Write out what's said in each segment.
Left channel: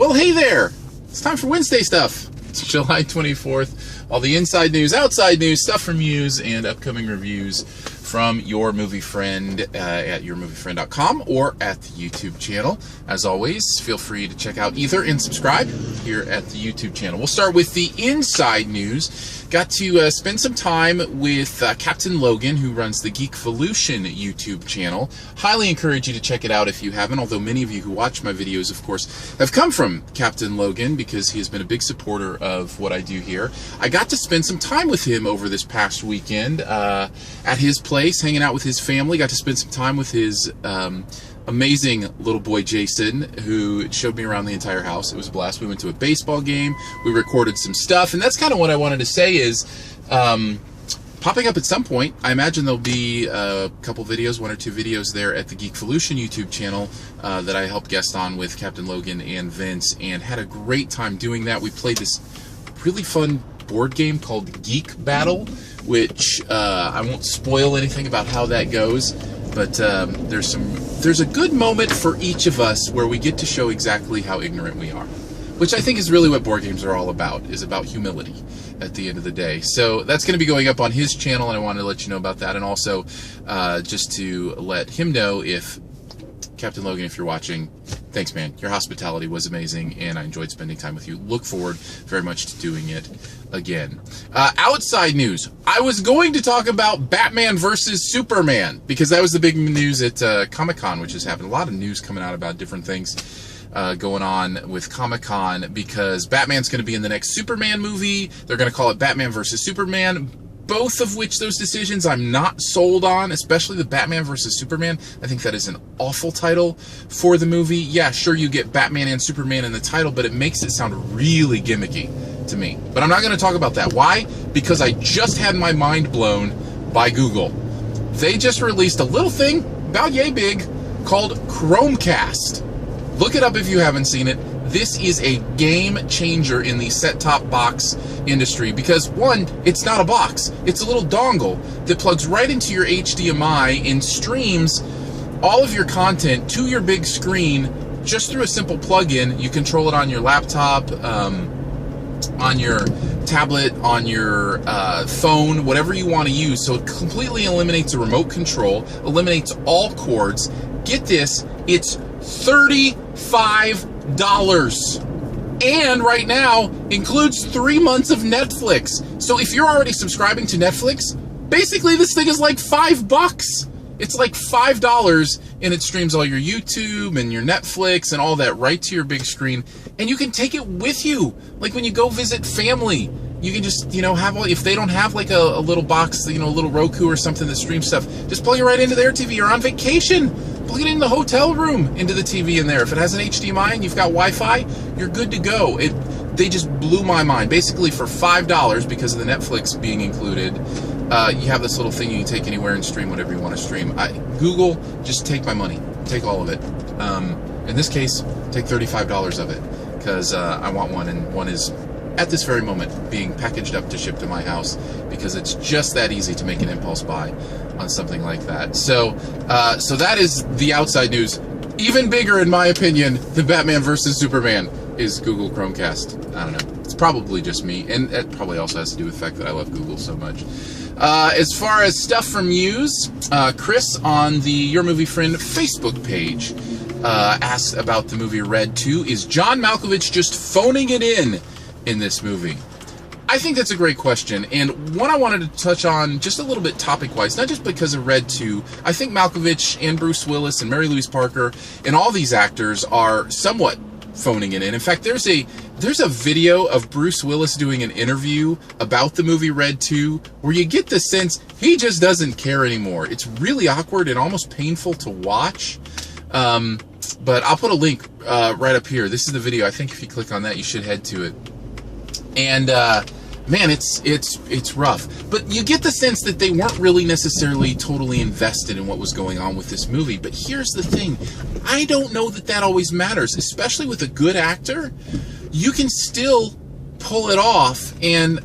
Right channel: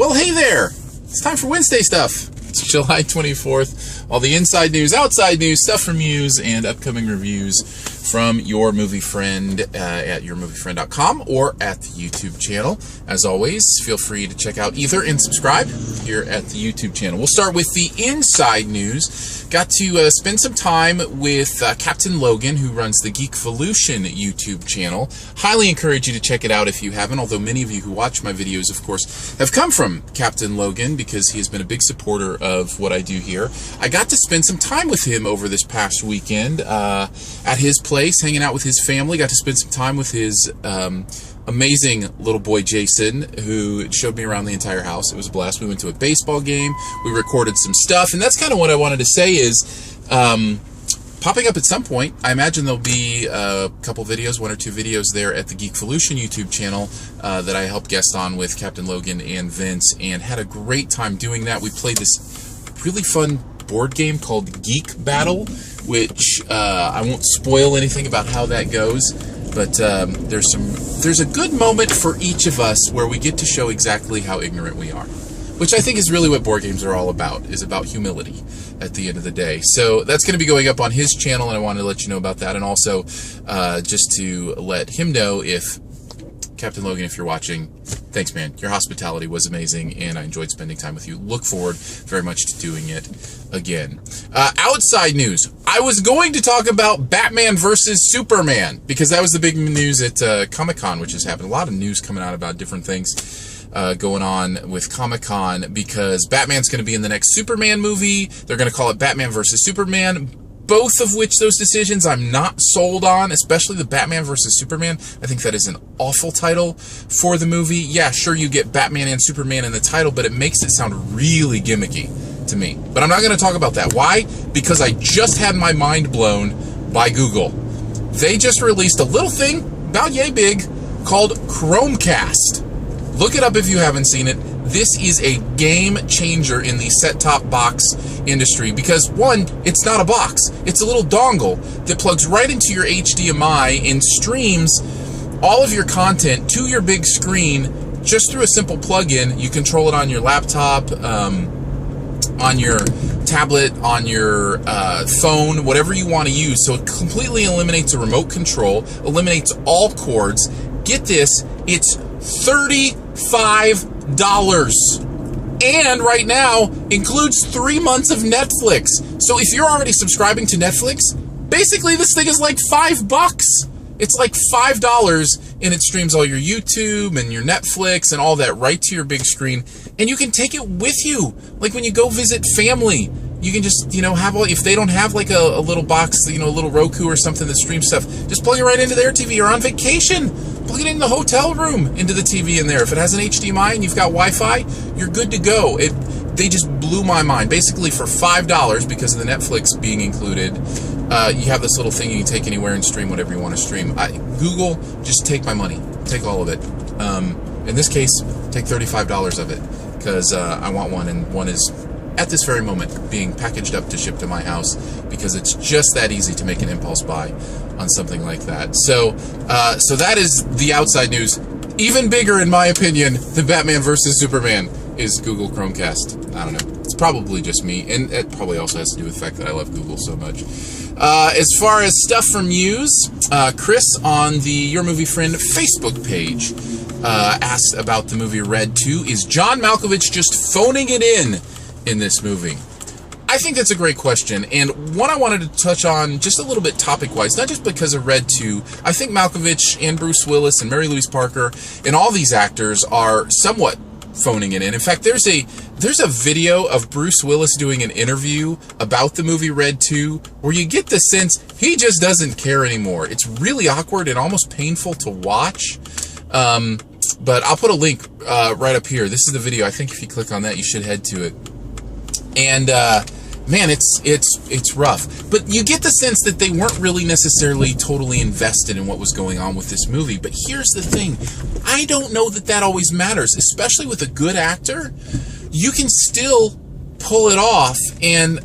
Well, hey there! It's time for Wednesday stuff. It's July 24th. All the inside news, outside news, stuff from news, and upcoming reviews from your movie friend at yourmoviefriend.com or at the YouTube channel. As always, feel free to check out either and subscribe here at the YouTube channel. We'll start with the inside news. Got to spend some time with Captain Logan, who runs the Geekvolution YouTube channel. Highly encourage you to check it out if you haven't, although many of you who watch my videos, of course, have come from Captain Logan because he has been a big supporter of what I do here. I got to spend some time with him over this past weekend at his place, hanging out with his family. Got to spend some time with his amazing little boy Jason, who showed me around the entire house. It was a blast. We went to a baseball game. We recorded some stuff, and that's kind of what I wanted to say is popping up at some point. I imagine there'll be a couple videos, one or two videos there at the Geekvolution YouTube channel that I helped guest on with Captain Logan and Vince, and had a great time doing that. We played this really fun board game called Geek Battle, which I won't spoil anything about how that goes, but there's a good moment for each of us where we get to show exactly how ignorant we are, which I think is really what board games are all about, is about humility at the end of the day. So that's going to be going up on his channel, and I wanted to let you know about that, and also just to let him know, if Captain Logan, if you're watching, thanks, man. Your hospitality was amazing, and I enjoyed spending time with you. Look forward very much to doing it again. Outside news. I was going to talk about Batman versus Superman, because that was the big news at Comic-Con, which has happened. A lot of news coming out about different things going on with Comic-Con, because Batman's going to be in the next Superman movie. They're going to call it Batman versus Superman. Both of which those decisions I'm not sold on, especially the Batman versus Superman. I think that is an awful title for the movie. Yeah, sure, you get Batman and Superman in the title, but it makes it sound really gimmicky to me. But I'm not going to talk about that. Why? Because I just had my mind blown by Google. They just released a little thing, about yay big, called Chromecast. Look it up if you haven't seen it. This is a game changer in the set-top box industry because, one, it's not a box. It's a little dongle that plugs right into your HDMI and streams all of your content to your big screen just through a simple plug-in. You control it on your laptop, on your tablet, on your phone, whatever you want to use. So it completely eliminates a remote control, eliminates all cords. Get this, it's $35. And right now includes 3 months of Netflix. So if you're already subscribing to Netflix, basically this thing is like $5. It's like $5, and it streams all your YouTube and your Netflix and all that right to your big screen, and you can take it with you. Like when you go visit family, you can just, have all, if they don't have like a little box, a little Roku or something that streams stuff, just plug it right into their TV. Or on vacation, plug it in the hotel room into the TV in there. If it has an HDMI and you've got Wi-Fi, you're good to go. They just blew my mind. Basically for $5, because of the Netflix being included, you have this little thing you can take anywhere and stream whatever you want to stream. Google, just take my money. Take all of it. In this case, take $35 of it, because I want one, and one is at this very moment being packaged up to ship to my house, because it's just that easy to make an impulse buy on something like that. So that is the outside news. Even bigger, in my opinion, than Batman versus Superman is Google Chromecast. I don't know. It's probably just me, and it probably also has to do with the fact that I love Google so much. As far as stuff from news, Chris on the Your Movie Friend Facebook page asked about the movie Red 2. Is John Malkovich just phoning it in this movie? I think that's a great question, and one I wanted to touch on just a little bit topic-wise, not just because of Red 2. I think Malkovich and Bruce Willis and Mary Louise Parker and all these actors are somewhat phoning it in. In fact, there's a video of Bruce Willis doing an interview about the movie Red 2 where you get the sense he just doesn't care anymore. It's really awkward and almost painful to watch. But I'll put a link right up here. This is the video. I think if you click on that, you should head to it. And man, it's rough. But you get the sense that they weren't really necessarily totally invested in what was going on with this movie. But here's the thing. I don't know that always matters, especially with a good actor. You can still pull it off, and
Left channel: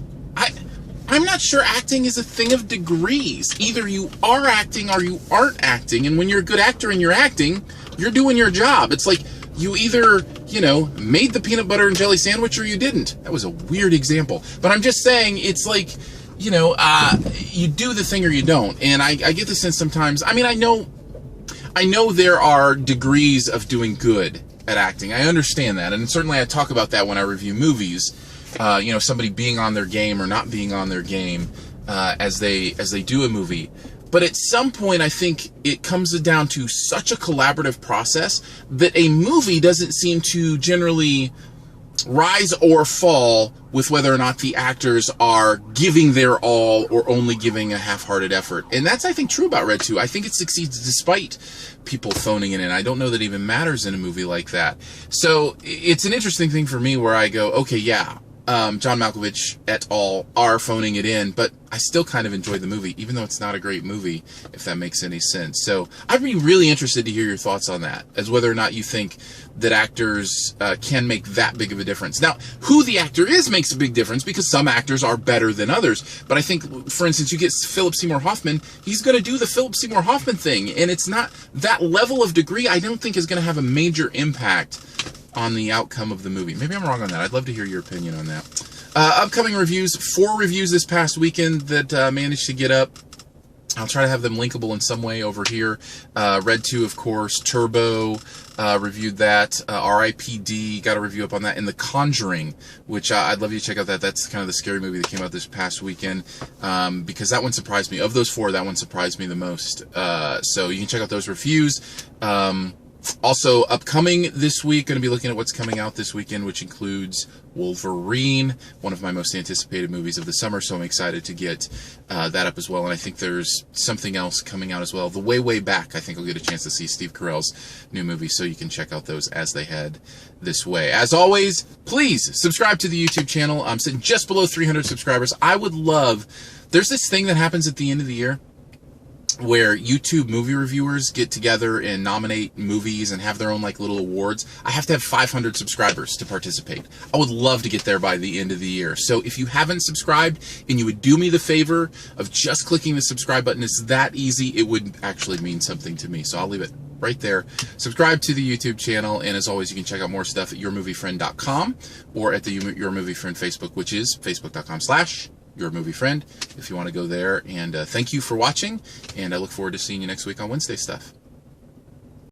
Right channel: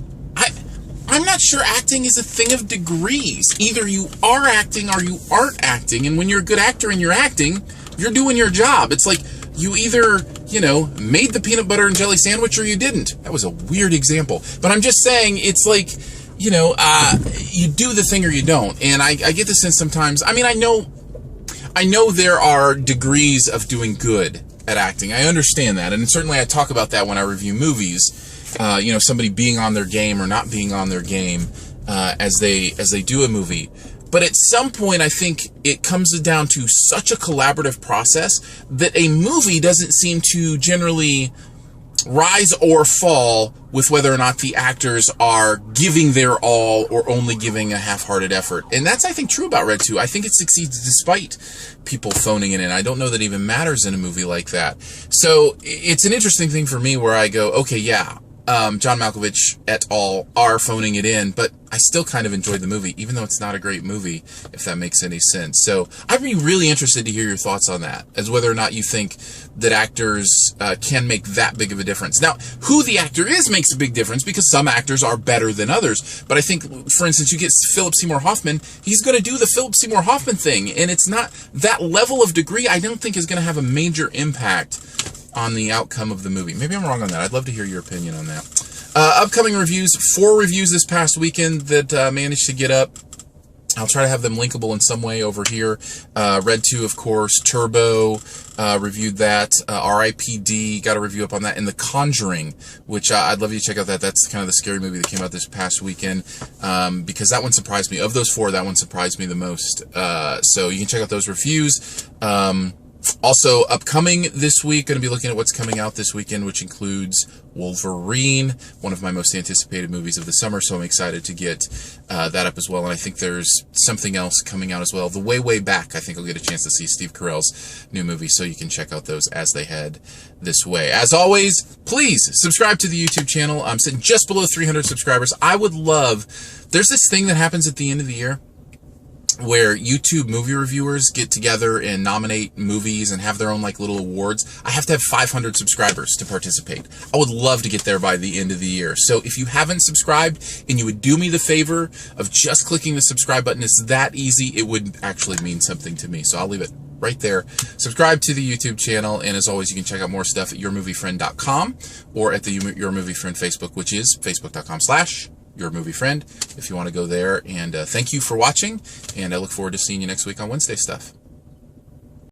I'm not sure acting is a thing of degrees. Either you are acting or you aren't acting, and when you're a good actor and you're acting, you're doing your job. It's like you either, made the peanut butter and jelly sandwich or you didn't. That was a weird example. But I'm just saying, it's like, you do the thing or you don't. And I get the sense sometimes, I mean, I know there are degrees of doing good at acting. I understand that. And certainly I talk about that when I review movies. Somebody being on their game or not being on their game as they do a movie. But at some point, I think it comes down to such a collaborative process that a movie doesn't seem to generally rise or fall with whether or not the actors are giving their all or only giving a half-hearted effort. And that's, I think, true about Red 2. I think it succeeds despite people phoning it in. I don't know that it even matters in a movie like that. So it's an interesting thing for me where I go, okay, yeah, John Malkovich et al. Are phoning it in, but I still kind of enjoyed the movie, even though it's not a great movie, if that makes any sense. So I'd be really interested to hear your thoughts on that, as whether or not you think that actors can make that big of a difference. Now, who the actor is makes a big difference, because some actors are better than others. But I think, for instance, you get Philip Seymour Hoffman, he's going to do the Philip Seymour Hoffman thing, and it's not that level of degree I don't think is going to have a major impact on the outcome of the movie. Maybe I'm wrong on that. I'd love to hear your opinion on that. Upcoming reviews, 4 reviews this past weekend that managed to get up. I'll try to have them linkable in some way over here. Red 2, of course. Turbo, reviewed that. R.I.P.D., got a review up on that. And The Conjuring, which I'd love you to check out that. That's kind of the scary movie that came out this past weekend, because that one surprised me. Of those 4, that one surprised me the most. So you can check out those reviews. Also, upcoming this week, going to be looking at what's coming out this weekend, which includes Wolverine, one of my most anticipated movies of the summer, so I'm excited to get that up as well. And I think there's something else coming out as well. The Way Back, I think I'll get a chance to see Steve Carell's new movie, so you can check out those as they head this way. As always, please subscribe to the YouTube channel. I'm sitting just below 300 subscribers. I would love, there's this thing that happens at the end of the year where YouTube movie reviewers get together and nominate movies and have their own like little awards. I have to have 500 subscribers to participate. I would love to get there by the end of the year. So if you haven't subscribed and you would do me the favor of just clicking the subscribe button, it's that easy. It would actually mean something to me. So I'll leave it right there. Subscribe to the YouTube channel, and as always, you can check out more stuff at yourmoviefriend.com or at the Your Movie Friend Facebook, which is facebook.com/Your Movie Friend, if you want to go there. And thank you for watching, and I look forward to seeing you next week on Wednesday Stuff.